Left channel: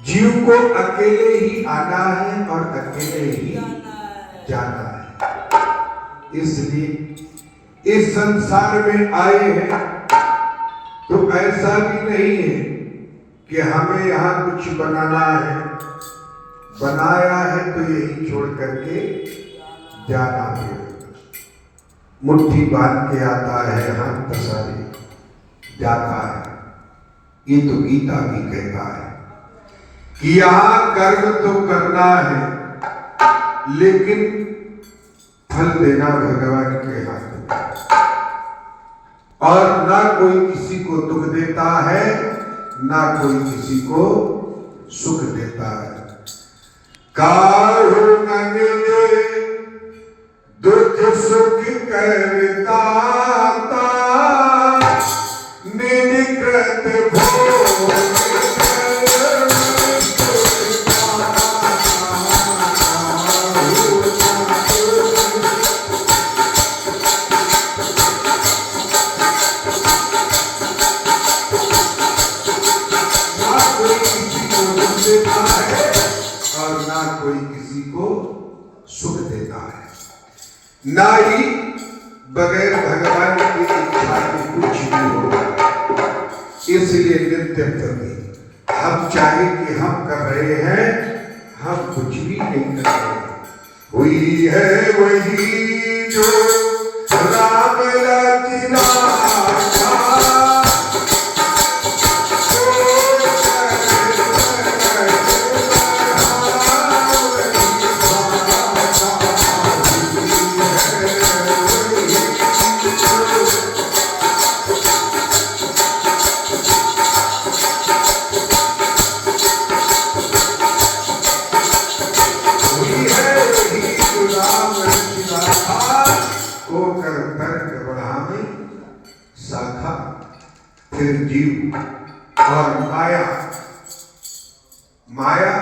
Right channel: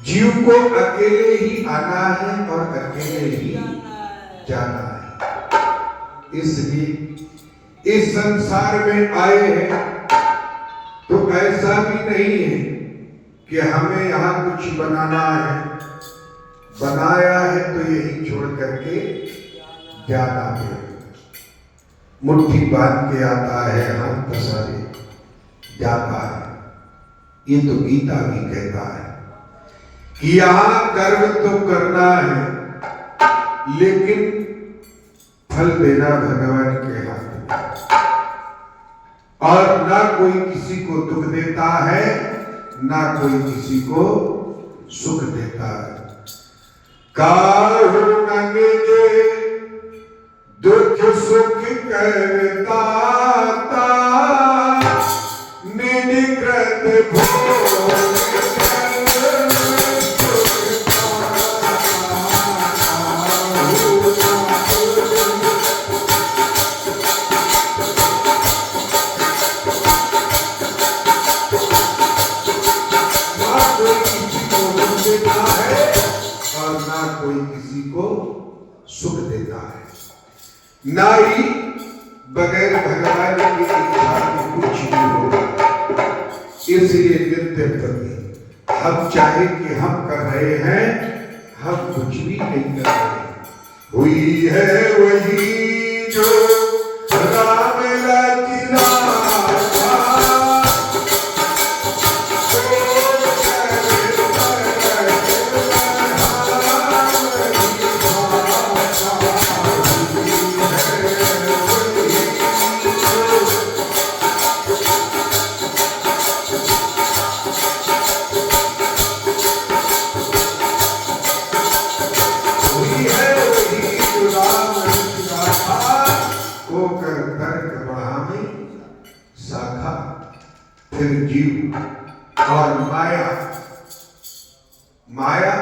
जीव को अकेले ही आना है और अकेले ही जाना है। इसलिए इस संसार में आए हैं तो ऐसा भी नहीं है कि हमें यहाँ कुछ बनाना है, बनाया है तो यही छोड़ करके जाना है। मुट्ठी बांध के आता है, हाथ पसारे जाता है। ये तो गीता भी कहता है कि यहाँ कर्म तो करना है लेकिन फल देना भगवान के हाथ में। और ना कोई किसी को दुख देता है, ना कोई किसी को सुख देता है। काहू न मिले दुख सुख करता निकृत भोग और ना कोई किसी को सुख देता है। ना ही बगैर भगवान की इच्छा के कुछ भी होगा। इसलिए नित्य प्रति हम चाहे कि हम कर रहे हैं, हम कुछ भी नहीं कर रहे, हुई है वही जो राम लखना शाखा, फिर जीव और माया, माया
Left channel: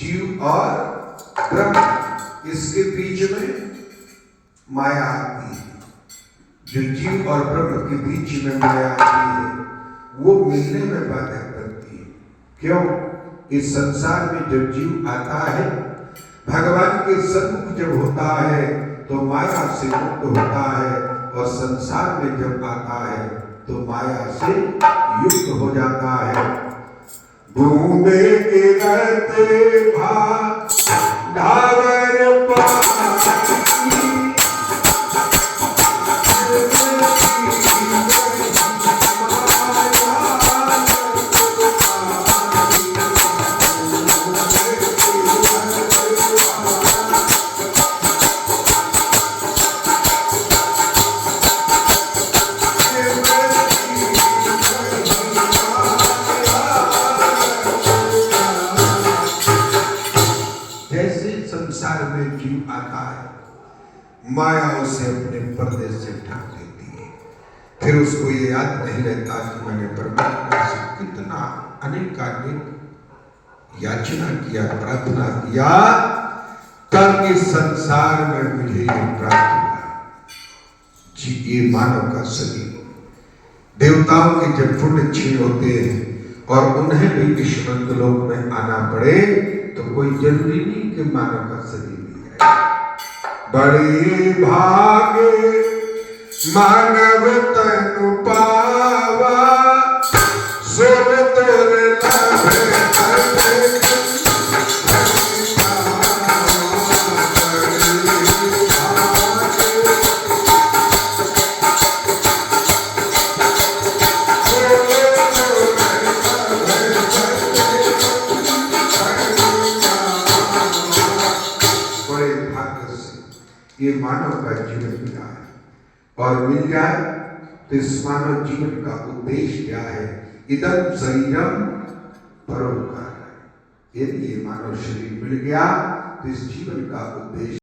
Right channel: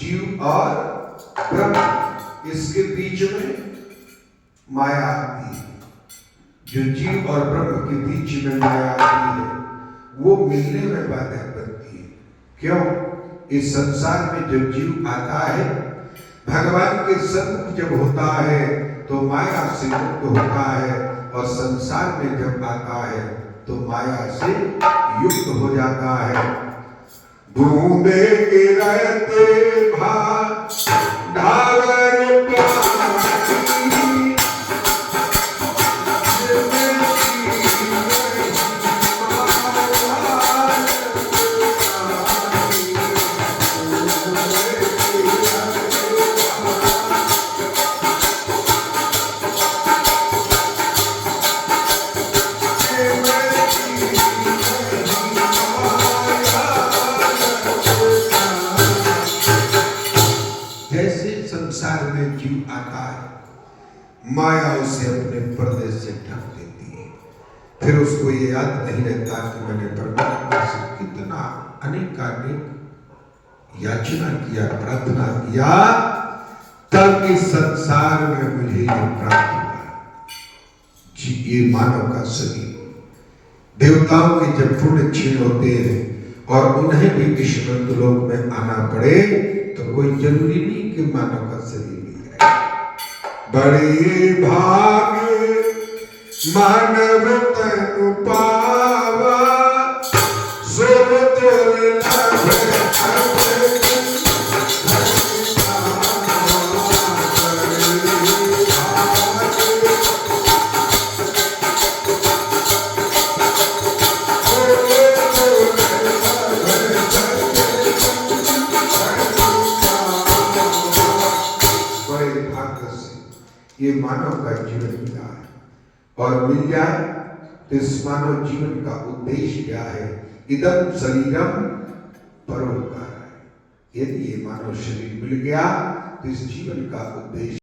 जीव और ब्रह्म, इसके बीच में माया आती है। जो जीव और ब्रह्म के बीच में माया आती है वो मिलने में बाधक बनती है। क्यों? इस संसार में जब जीव आता है, भगवान के सन्मुख जब होता है तो माया से मुक्त होता है, और संसार में जब आता है तो माया से युक्त हो जाता है। बूंदे गिरते भाग ढावर पानी, संसार में जीव आता है, माया उसे अपने पर्दे से ढक देती है। फिर उसको ये याद नहीं रहता कि मैंने परमात्मा से कितना अनेकानेक याचना किया, प्रार्थना किया, तब इस संसार में मुझे ये प्राप्त हुआ। जी, ये मानव का शरीर। देवताओं के जब पुण्य क्षीण होते हैं और उन्हें भी इस लोक में आना पड़े तो कोई जरूरी नहीं कि मानव का शरीर मिल जाए। बड़े भागे मानव तनु पावा, सुर तुर ये मानव का जीवन मिला है, और मिल जाए तो इस मानव जीवन का उद्देश्य क्या है? इदं शरीरम परोपकार है। यदि ये मानव शरीर मिल गया तो इस जीवन का उद्देश्य